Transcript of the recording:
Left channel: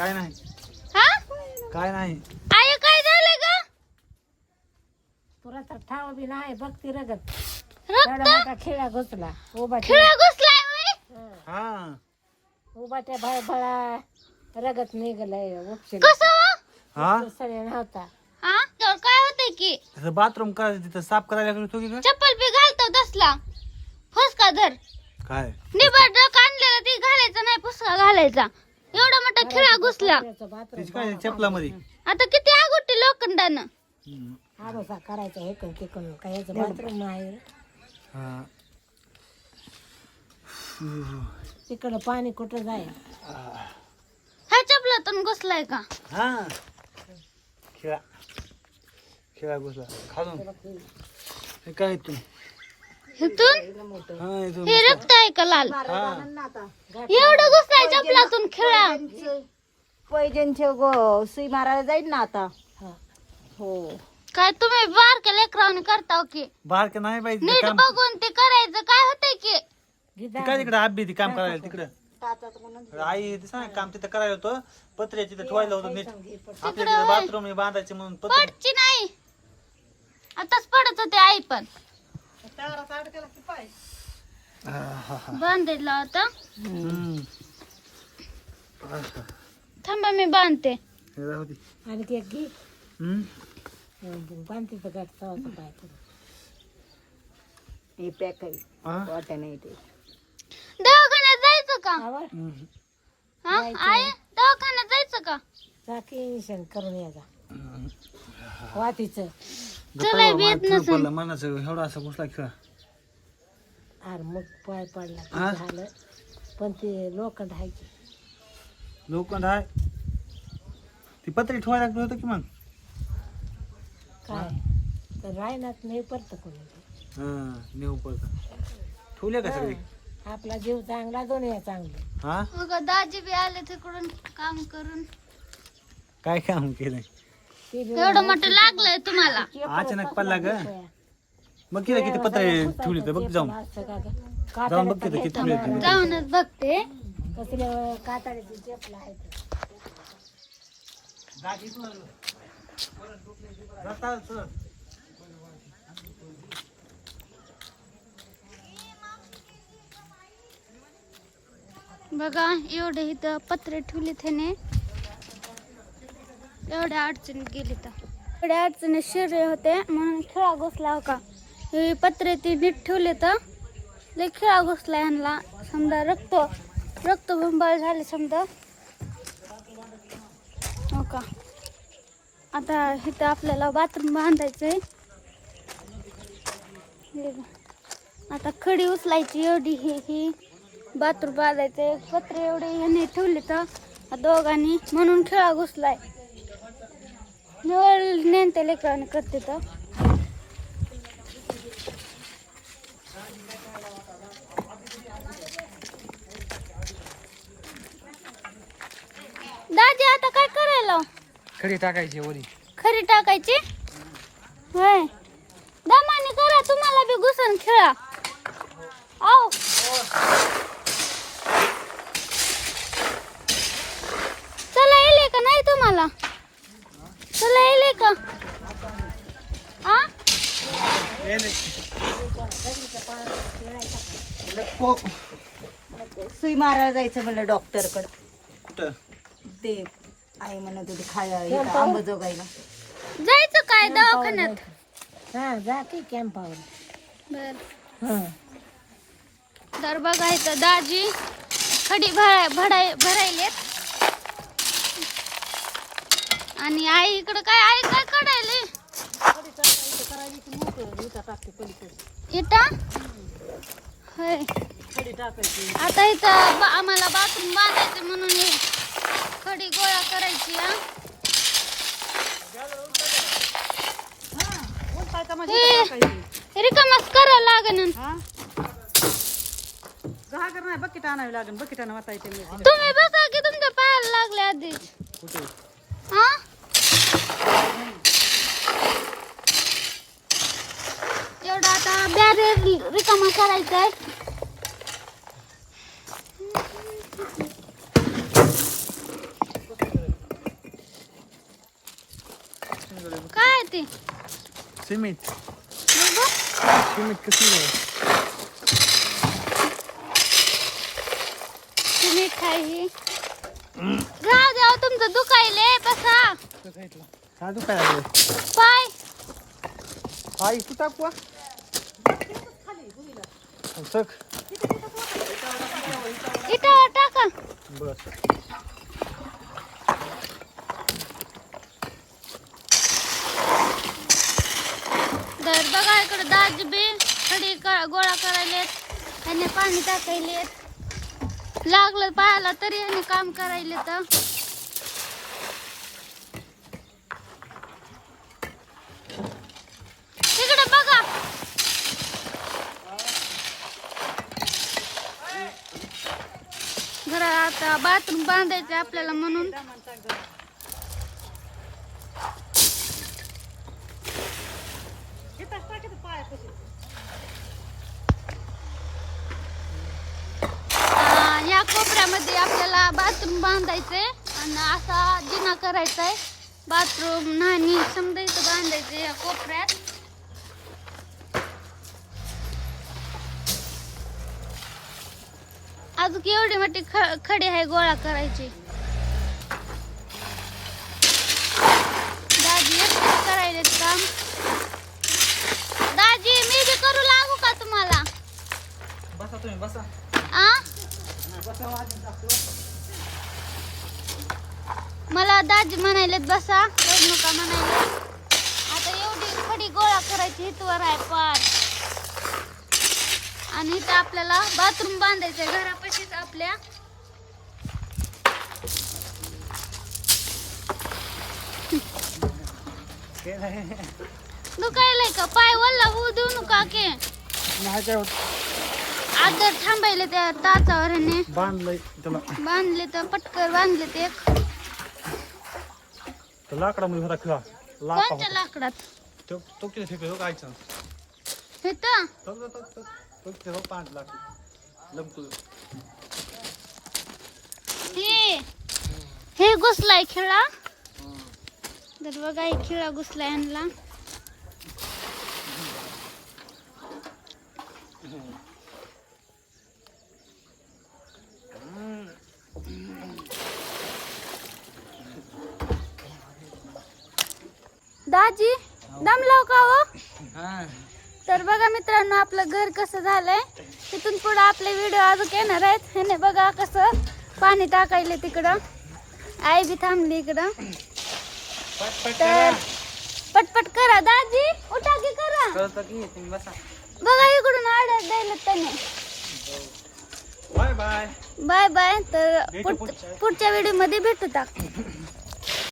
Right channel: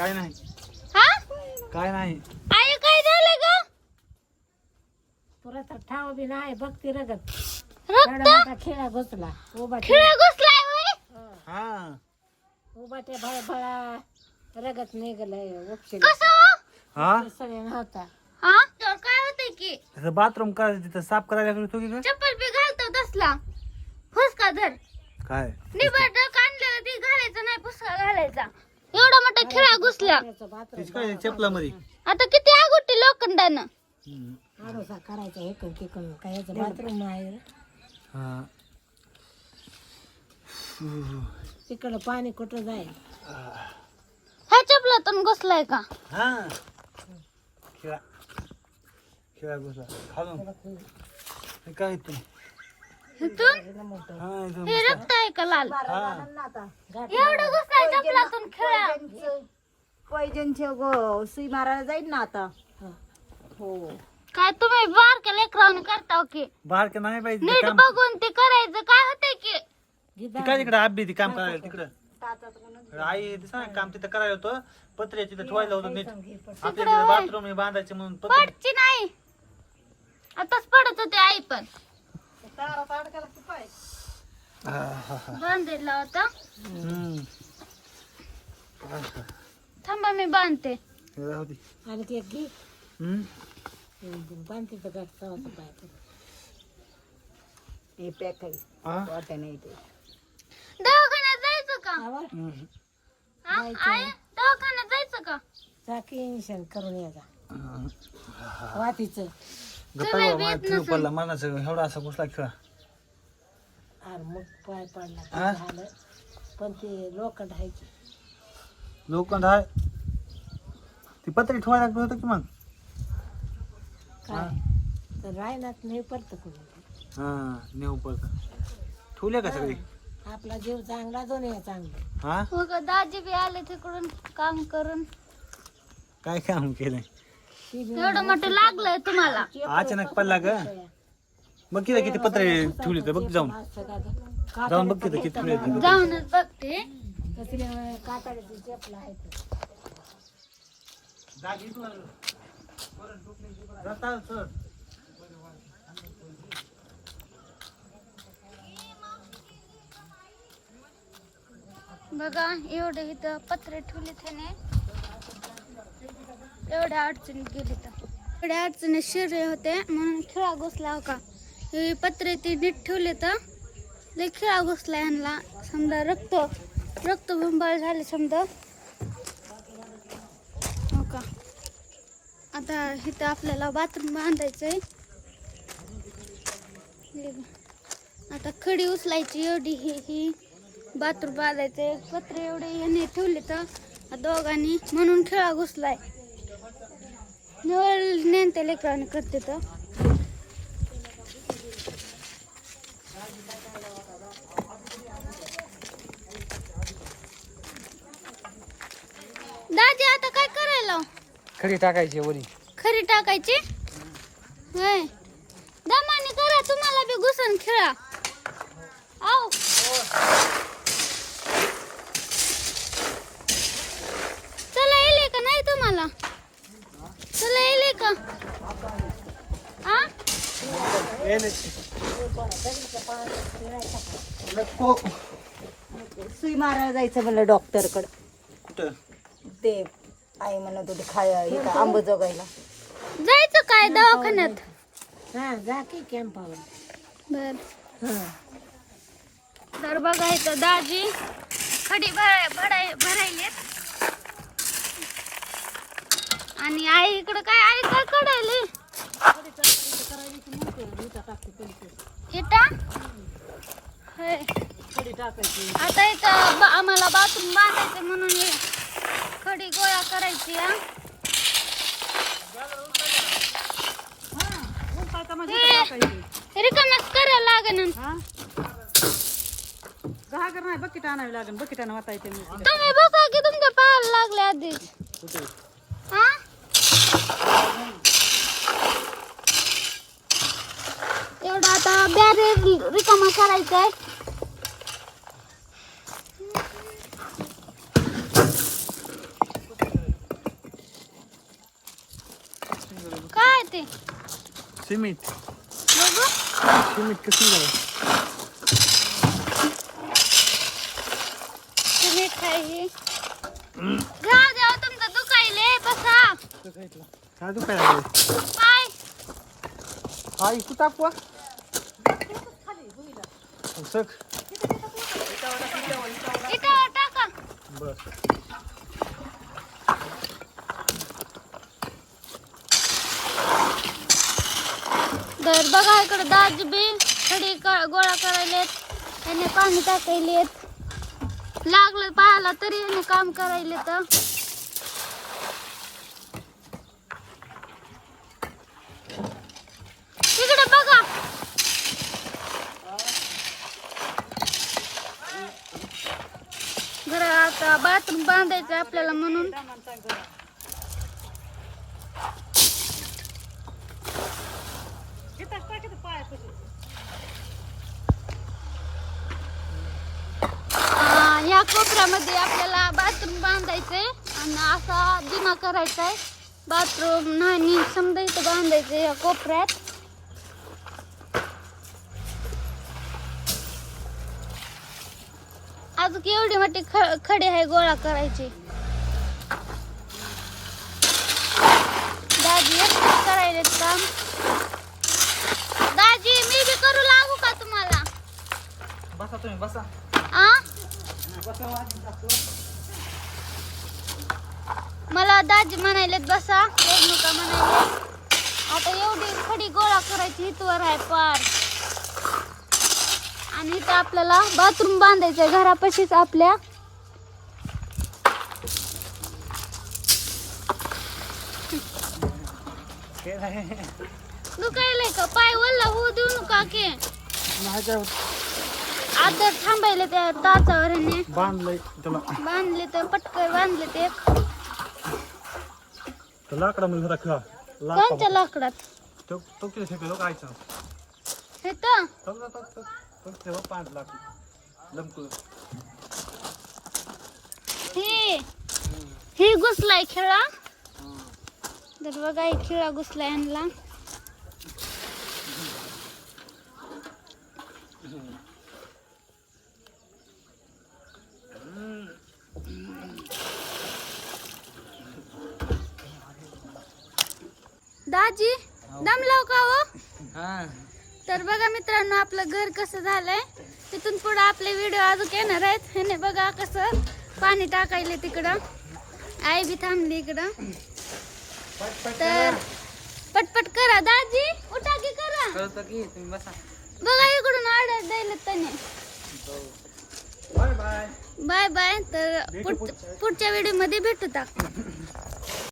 काय नाही. हा? काय नाही. आई काय झालं ग? पुराचा ठाव बी नाही बघती रगत. रक्त? एवढा मोठा खिळा घुसला. उभा खिळा घुसलाय होय हा. उभाच्या भळ भळा रगत निघलंय उपशील कसं हो? हा? सगळे नव्हता. हा? तर काय होतंय की? त्याचं बाथरूम करायचं तिथं साफ करायला लागलो तू की काय? चप्पल बी घालतो तसला. फुसका धर. काय? निबड आणलेलं ती घालायचं नाही फुसका घालायचा. एवढा मोठा खिळा घुसला. काय चपलामध्ये? आता किती आगोटी लोखंडानं. हम्म. करायचा हे करून ते करून. काय याचं बाथरूम आहे रे. हा. तिकडं पाणी कुठं जाय? ह्या चपलातून घुसलाय का? हा. खेळा. खेळा घुसला. खालून हे काय तू? इथून? हा इथून. हे रक्त आहे का लाल? हा. एवढं खिळा पैजनचे गो सुई मारायला जाईल ना आता. हो. काय तुम्ही बारक्या लेकरावून करता हो की? बारक नाही पाहिजे नीट काम बघून ते करायचं. काय होतंय की? ती काय तिकडे आबी ती काम करायला तिकडं. आई ना, काम तिथं करायला होतं. पत्र्या तिथं ठेवायला होतं नीट. बाथरूम बांधायचे म्हणून पत्र पडची नाही. आताच पडत होते आई पण. हा, हा, हा. बांधायला होता हम्म. थांबा मी बांधते. हे राहू दे. आणखी एक घे. हम्म. बांधतीचं गाठ चावायचं काय करू हे पॅक आहे. हा? वाटा नाही ते. दवाखान्यात जायचं का? आवर हम्म. हा? आई दवाखान्यात जायचं का? चाकी इंशन करून यायचा हम्म. वातीचं गप्पा बाबा, मला ठेव पडला मनाचं एवढा असा घुसला खेळा? अरे मग पाय पडला? ते झालं. पण ते लोखंड आहे की. लोखंड आहे. ती पत्री ठेवायला लागलं होतं की मग? काय? तर रायनात नाही पडतं कोणी हा नेऊ पडत ठेवले का सगळी? आपला जीव चांगला दोन्ही चांगले. हा? दाजी बी आले तिकडून काम करून. काय काम केलंय? ती बी एवढं मोठं लागलंय तुम्हाला. अचानक पडला ग मग किती किती पत्रे ठेवली तर बघ जाऊन? जाऊन बघ तिथं किती ठेवले ते. जाऊनच बघते. चपला आहे बघा एवढे इथं पत्रे ठेवले त्याने एवढ्या अडचणीत गेली तर. एवढ्या अडचणीत शिरले होते म्हणून खेळा घुसला हो का हे पत्रे ती नीट ठेवले तर लय खेळा घुसला यांना समजा रक्त रक्तबंबाळ झाले समजा. हो का? आता इथं आपल्याला बाथरूम बांधायचं आता खडी उचलायची एवढी ही ही. बाथरूम बांधायचं पत्रे एवढे यांनी ठेवले तर दोघांनी म्हणून खेळा घुसलाय. निवळ नेनते लेकराने करते तर दाजी आता करायला खडी टाकायची वरी. खरी टाकायची? होय. दमाने करा तुम्हाला बी घुसून खेळा. आओ चला येले का नाही तुम्हाला? चला येले का? आ? सुई मारायला जायचं म्हणलं डॉक्टरकडे. कुठं? ते आई म्हणत होती खाय आंबजोगाईला जायचं काय? दवाखान्यात? हा जा की कॅम्पावर बर. तर बघा इथं दाजी खडी भरा भराय भरायलेत. आणि आई इकडं काय आई काय कडायली इटा होय. टाकायची. आता इथं बा- आम्हाला बाथरूम बांधायचं म्हणून हे खडी गोळा करायची हा? हे रिकामच करायला लागेल घागर नाही बकेट आणावी लागेल बकेटानं वाटायचं मी तुम्ही बघा की तुमच्या पायाला लागले आधीच कुठे? हा? एवढा आता बॅरेर रिकामा करायचा आहे की सिमेंट बघू. सिमेंट कसं झालं? तुम्ही खाई राहू द्या तुमचं दुखायले बसा. काय दुखायला पाय. हा इकडे टाकवा सक इथं टाका. तर बघा इकडे दाजी बी खडी गोळा करायलेत. त्याने पाणी टाकायलेत. लागलं पायाला तरी याने काम करायले तर. तिकडे बघा. घरा आता बाथरूम बांधायचं आपल्याला म्हणून. या कोपऱ्यामध्ये आपल्याला बाथरूम बांधायचंय आणि असा दिना करायचाय. बाथरूम नाणी समजा इथं बांधायचं या कोपऱ्यात. अजून एवढी मोठी ख- आहे गोळा करायची. दादी करायला काम करू लागू का तुम्हाला? बसा तुम्ही बसा. आ? मला दाजी म्हणायलेत बसा. नका म्हणायले आता एवढी खडी गोळा करायची इथवर आहे पार. आणि इथं आपल्याला बाथरूम बांधायचंय घरापाशीच आपल्या. दुखायलंय का? पाय वल्ला होऊ देऊ नका की. माहिती आहे आता थांबायले त्या ह्याने बांधलंय त्याला. बांधले तर पटकर बांधले ते एक. तर होता खेळा. कोणत्या लाकडात? तो तो किती शिकलो कायचं हे तर. तो पाच लाख. लमकुल हे. हे घुसलाय खेळा. तर बघा हे खेळा घुसलाय यांना दाजी दमलाव का हो? तर बघा मित्रांनो आपलं घर कसं झालंय. तिथून पुढे आपले व्हिडिओ अजून येणार आहेत. ह्याने बघा कसं पाणी टाकायले तिकडं. आई बी थांबली इकडं. तर पटपट करा दाजी. उठा की करा. बघा इकडून ऑर्डर द्यायला त्याने. Bye bye. Bye bye. तर पुढच्या- व्हिडिओमध्ये भेटू